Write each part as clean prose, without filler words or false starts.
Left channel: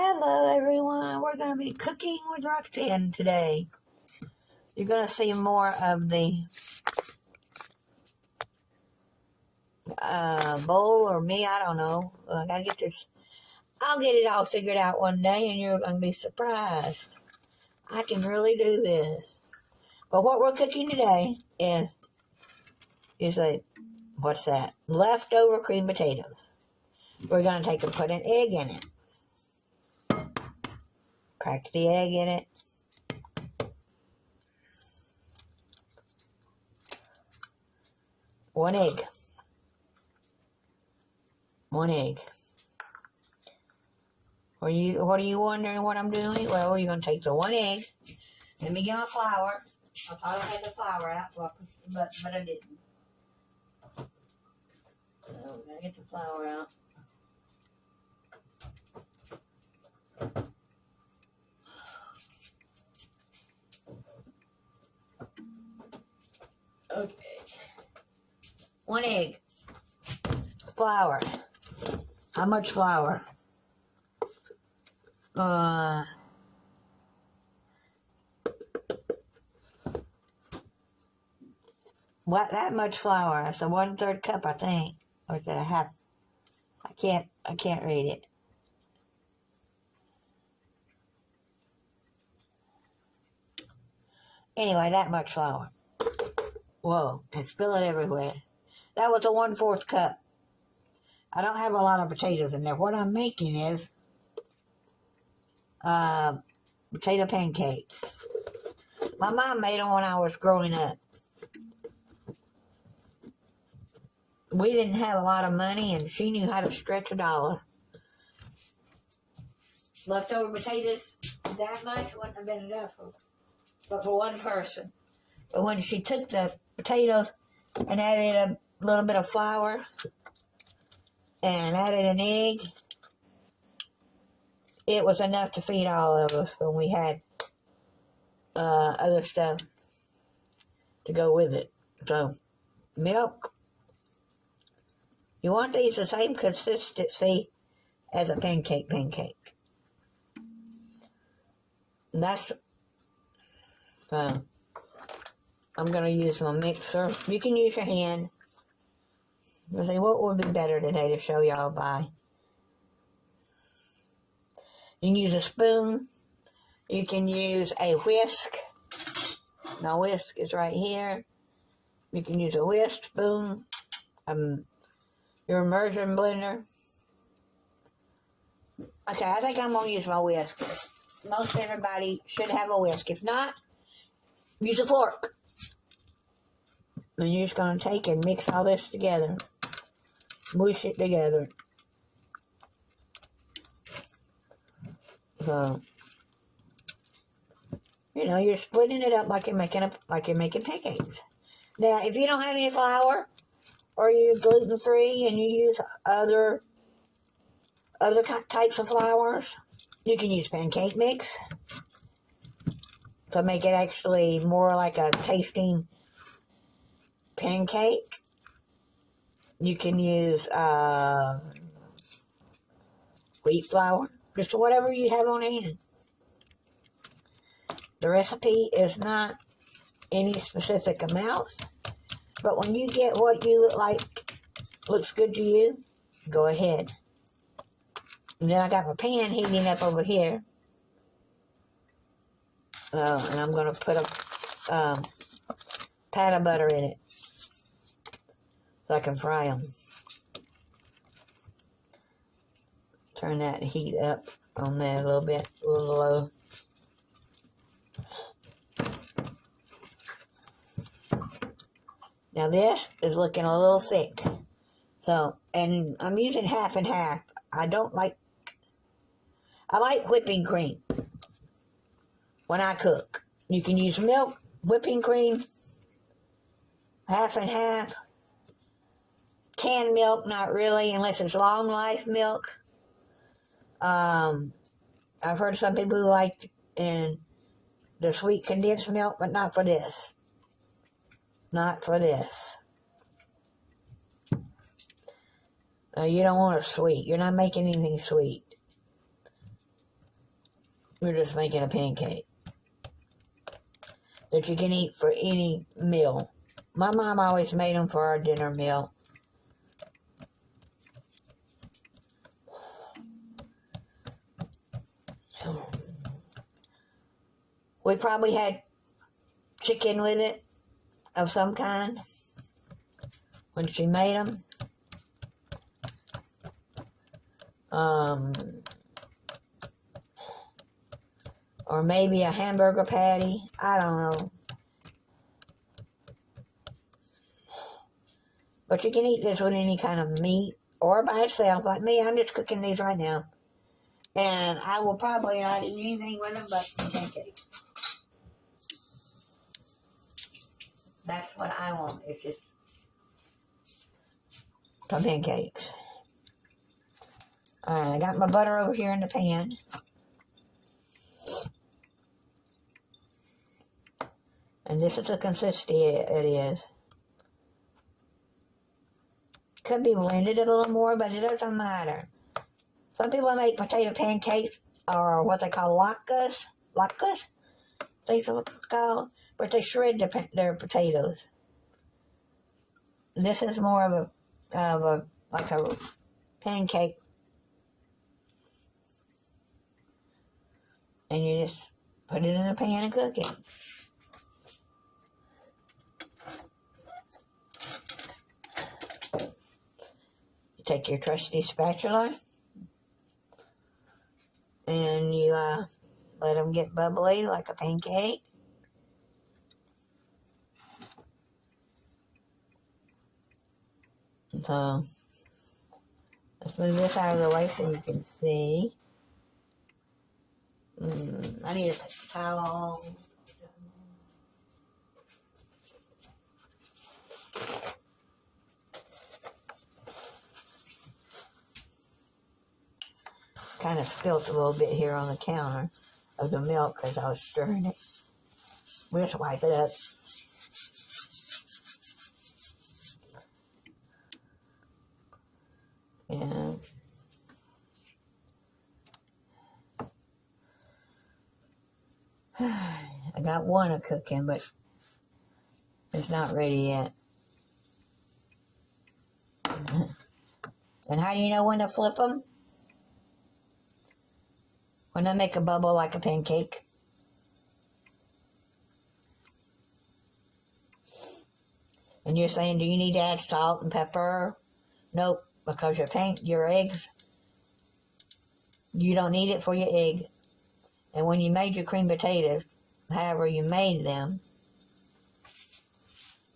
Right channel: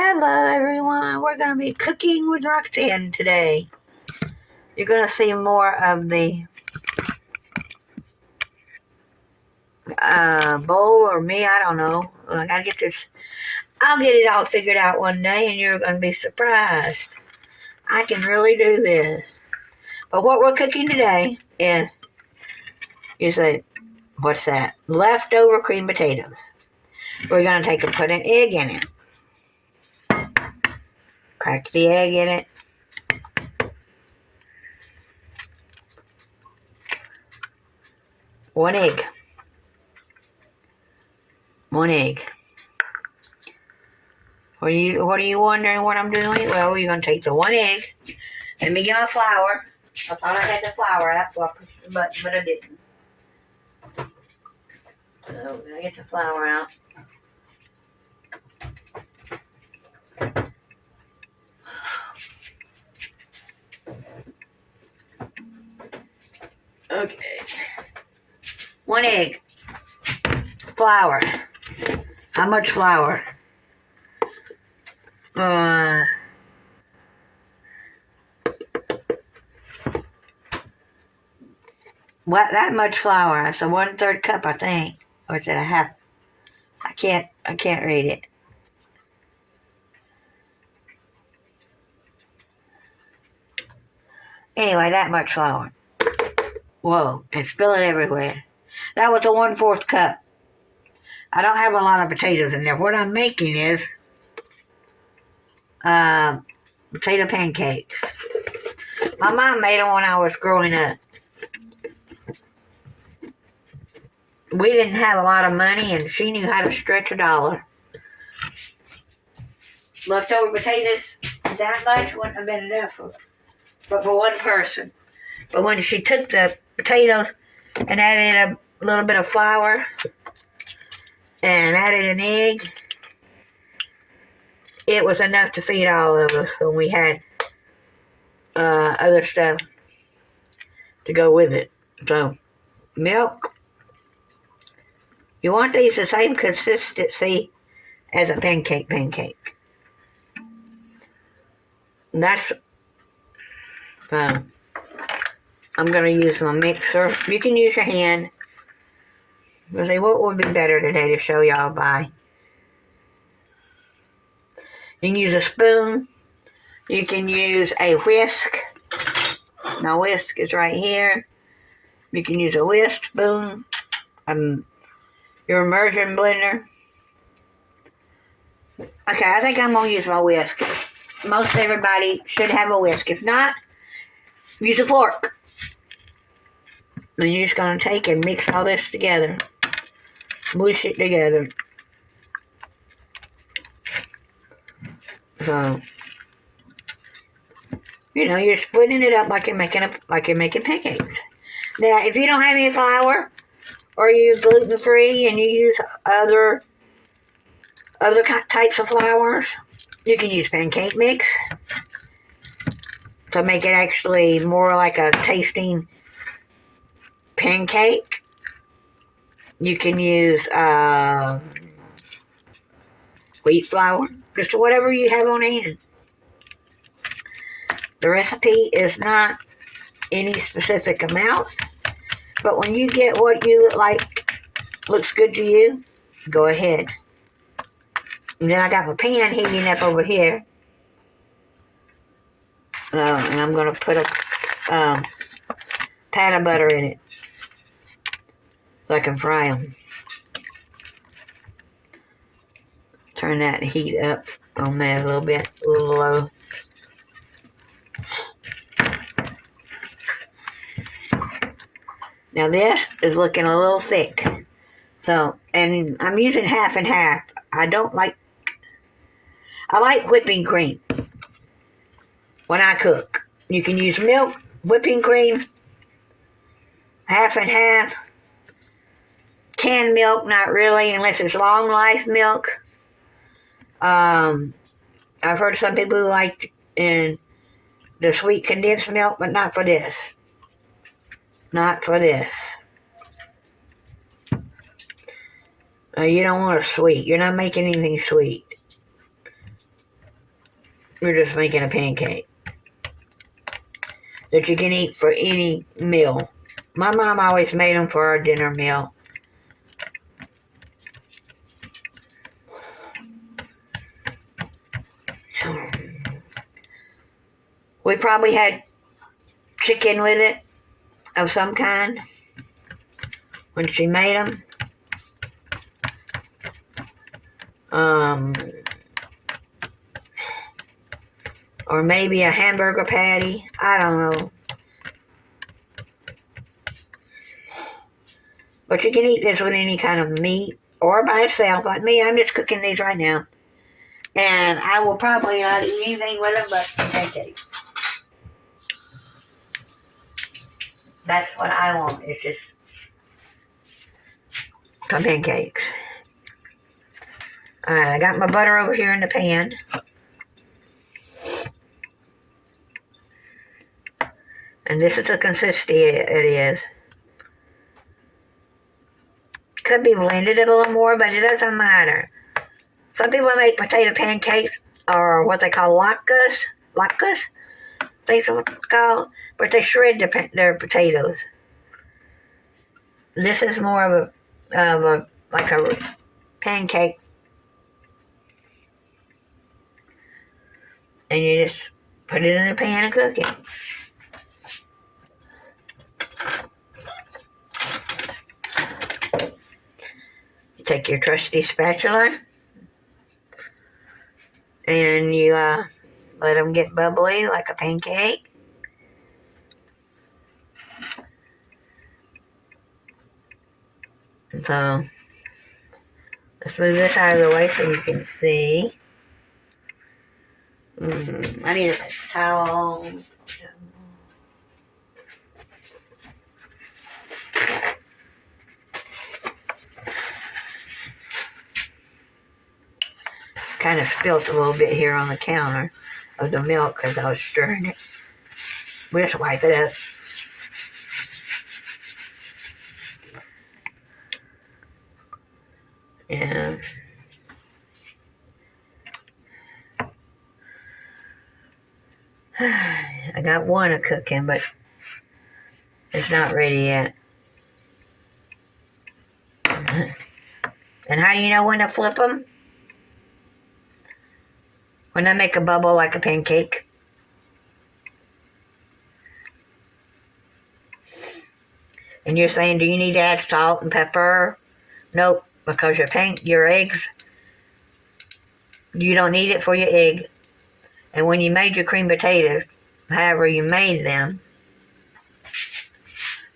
Hello everyone, we're going to be cooking with Roxanne today. You're going to see more of the bowl or me, I don't know. I got to get this, I'll get it all figured out one day and you're going to be surprised. I can really do this. But what we're cooking today is, you say, what's that? Leftover cream potatoes. We're going to take and put an egg in it. Crack the egg in it. One egg. What are you wondering what I'm doing? Well, we're going to take the one egg. Let me get my flour. I thought I had the flour out, so I pushed the button, but I didn't. So we're going to get the flour out. Okay. One egg. Flour. How much flour? What? That much flour. That's a 1/3 cup, I think. Or is it a half? I can't read it. Anyway, that much flour. Whoa, and spill it everywhere. That was a 1/4 cup. I don't have a lot of potatoes in there. What I'm making is potato pancakes. My mom made them when I was growing up. We didn't have a lot of money, and she knew how to stretch a dollar. Leftover potatoes, that much wouldn't have been enough but for one person. But when she took the potatoes and added a little bit of flour and added an egg, it was enough to feed all of us when we had other stuff to go with it. So, milk. You want these the same consistency as a pancake. And that's, I'm going to use my mixer. You can use your hand. We'll see what would be better today to show y'all by. You can use a spoon. You can use a whisk. My whisk is right here. You can use a whisk spoon. Your immersion blender. Okay, I think I'm going to use my whisk. Most everybody should have a whisk. If not, use a fork. And you're just going to take and mix all this together. Mush it together. So, you're splitting it up like you're making pancakes. Now, if you don't have any flour, or you use gluten-free and you use other types of flours, you can use pancake mix to make it actually more like a tasting pancake. You can use wheat flour, just whatever you have on hand. The recipe is not any specific amounts, but when you get what you like, looks good to you, go ahead. And then I got my pan heating up over here. And I'm going to put a pat of butter in it so I can fry them. Turn that heat up on that a little bit, a little low. Now this is looking a little thick. So, and I'm using half and half. I like whipping cream when I cook. You can use milk, whipping cream, half and half. Canned milk, not really, unless it's long life milk. I've heard some people who like the sweet condensed milk, but not for this. Not for this. You don't want a sweet. You're not making anything sweet. We're just making a pancake that you can eat for any meal. My mom always made them for our dinner meal. We probably had chicken with it of some kind when she made them. Or maybe a hamburger patty. I don't know. But you can eat this with any kind of meat or by itself. Like me, I'm just cooking these right now. And I will probably not eat anything with them but pancakes. That's what I want. It's just some pancakes. Alright, I got my butter over here in the pan. And this is the consistency it is. Could be blended a little more, but it doesn't matter. Some people make potato pancakes, or what they call latkes. Latkes? That's what it's called. But they shred their potatoes. This is more of a like a pancake. And you just put it in a pan and cook it. You take your trusty spatula and you let them get bubbly like a pancake. So let's move this out of the way so you can see. I need a towel. Kind of spilt a little bit here on the counter of the milk because I was stirring it. We just wipe it up. And I got one a cooking, but it's not ready yet. And how do you know when to flip them? When I make a bubble like a pancake. And you're saying, do you need to add salt and pepper? Nope, because your eggs, you don't need it for your egg. And when you made your cream potatoes, however you made them,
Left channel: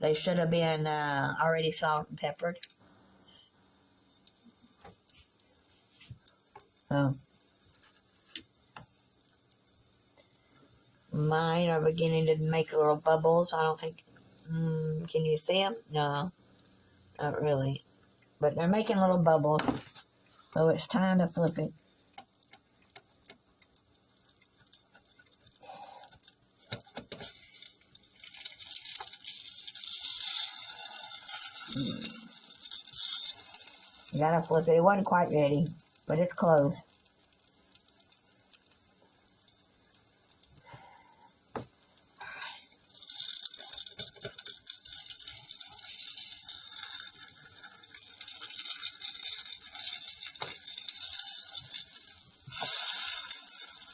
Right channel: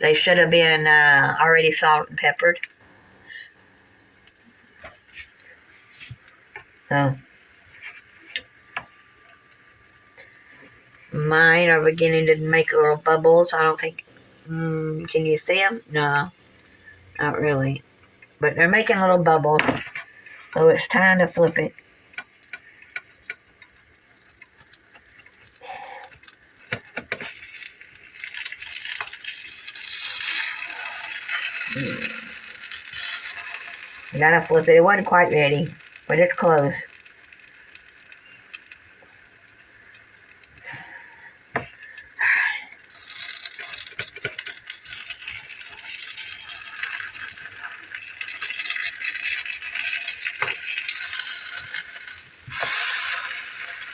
they should have been already salt and peppered. So, mine are beginning to make little bubbles. I don't think, can you see them? No, not really. But they're making little bubbles. So it's time to flip it. You gotta flip it. It wasn't quite ready, but it's close.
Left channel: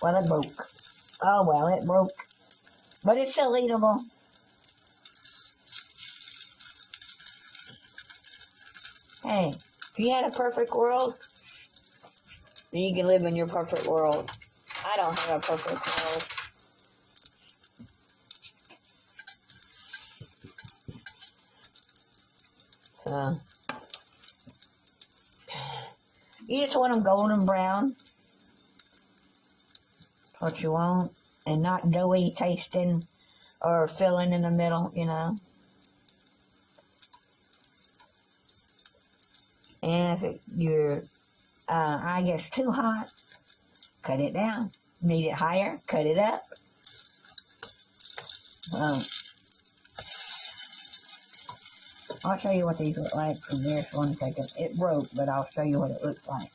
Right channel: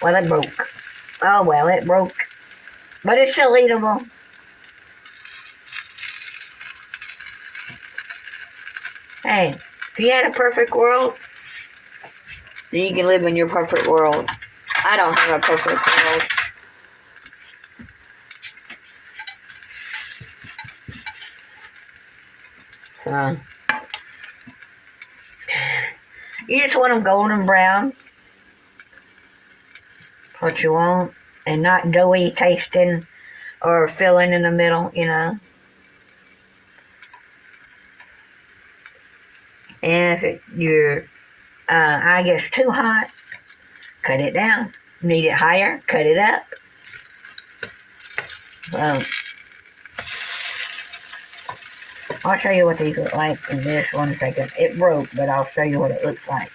Well, it broke. Oh, well, it broke. But it's still eatable. Hey, if you had a perfect world, then you can live in your perfect world. I don't have a perfect world. So, you just want them golden brown. What you want. And not doughy tasting or filling in the middle, you know. And if your eye gets too hot, cut it down. Need it higher, cut it up. I'll show you what these look like in just 1 second. It broke, but I'll show you what it looks like.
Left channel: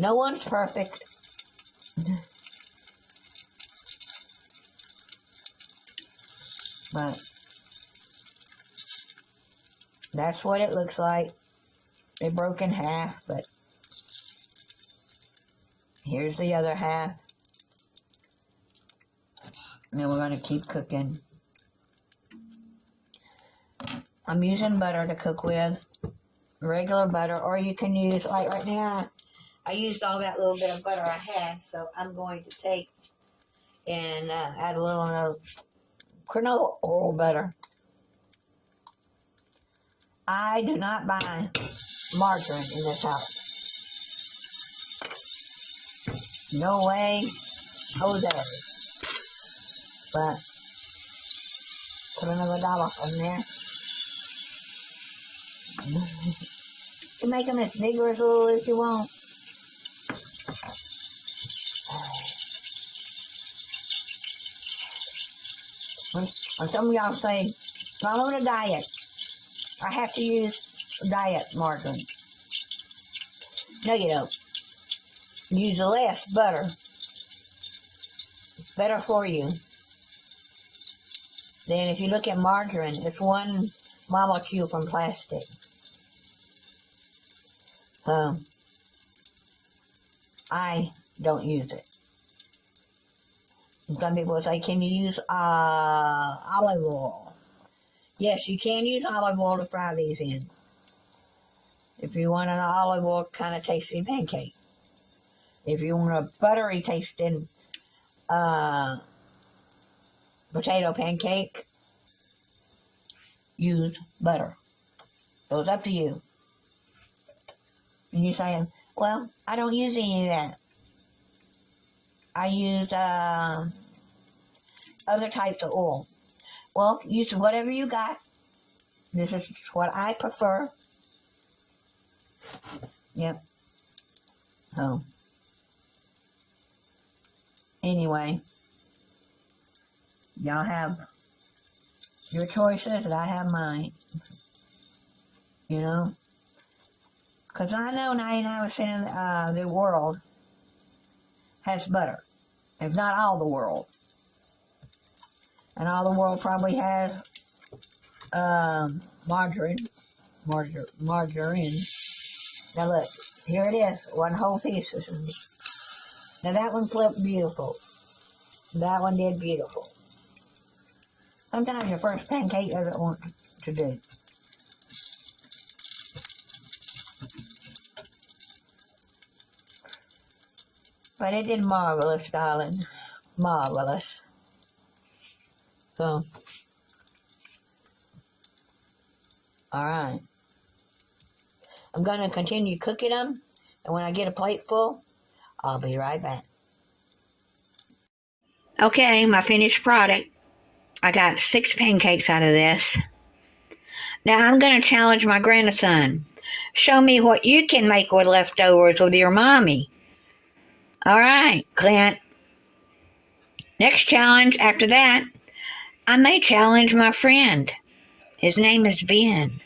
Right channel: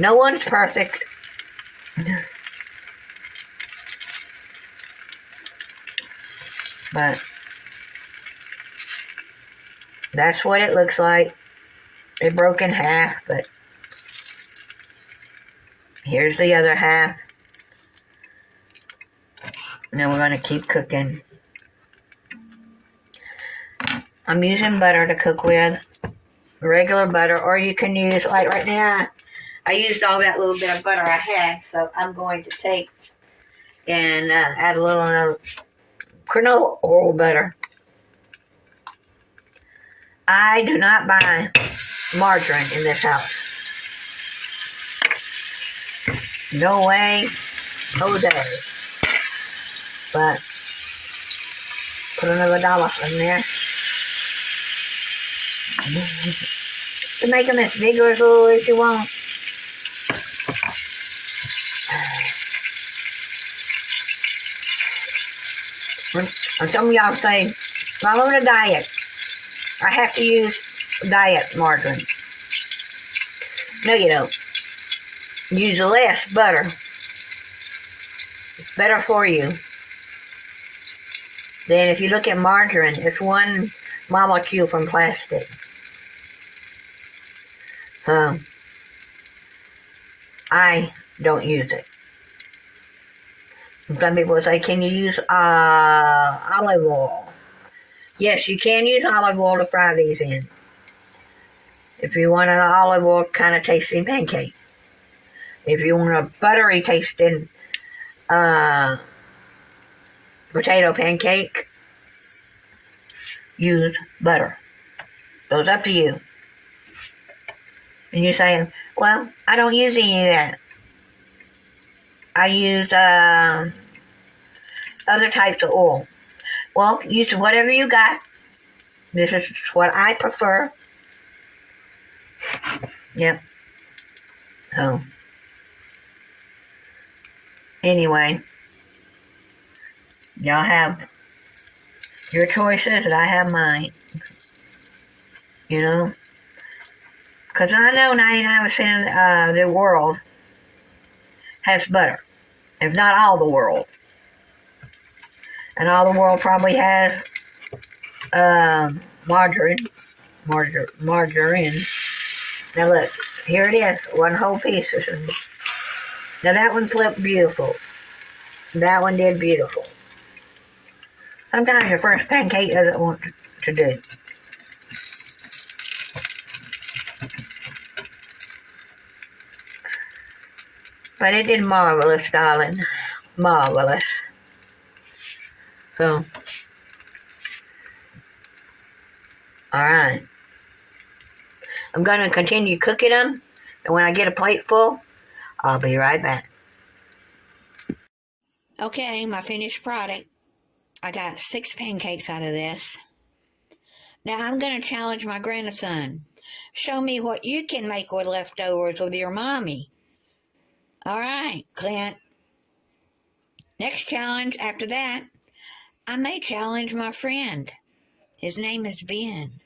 No one's perfect. But that's what it looks like. It broke in half, but here's the other half. Now we're going to keep cooking. I'm using butter to cook with, regular butter, or you can use, like right now, I used all that little bit of butter I had, so I'm going to take and add a little canola oil butter. I do not buy margarine in this house. No way, no day. But put another dollop in there. To make them as big or as little as you want. And some of y'all say, well, I'm on a diet. I have to use diet margarine. No, you don't. Use less butter. It's better for you. Then if you look at margarine, it's one molecule from plastic. I don't use it. Some people say, can you use olive oil? Yes, you can use olive oil to fry these in. If you want an olive oil kind of tasting pancake. If you want a buttery tasting potato pancake, use butter. So it's up to you. And you're saying, well, I don't use any of that. I use other types of oil. Well, use whatever you got. This is what I prefer. Yep. So, anyway, y'all have your choices and I have mine. You know? Because I know 99% of the world has butter. If not all the world. And all the world probably has margarine. Margarine. Now look, here it is. One whole piece. Now that one flipped beautiful. That one did beautiful. Sometimes your first pancake doesn't want to do. But it did marvelous, darling. Marvelous. So, alright. I'm going to continue cooking them. And when I get a plate full, I'll be right back. Okay, my finished product. I got 6 pancakes out of this. Now I'm going to challenge my grandson. Show me what you can make with leftovers with your mommy. Alright, Clint. Next challenge after that, I may challenge my friend. His name is Ben.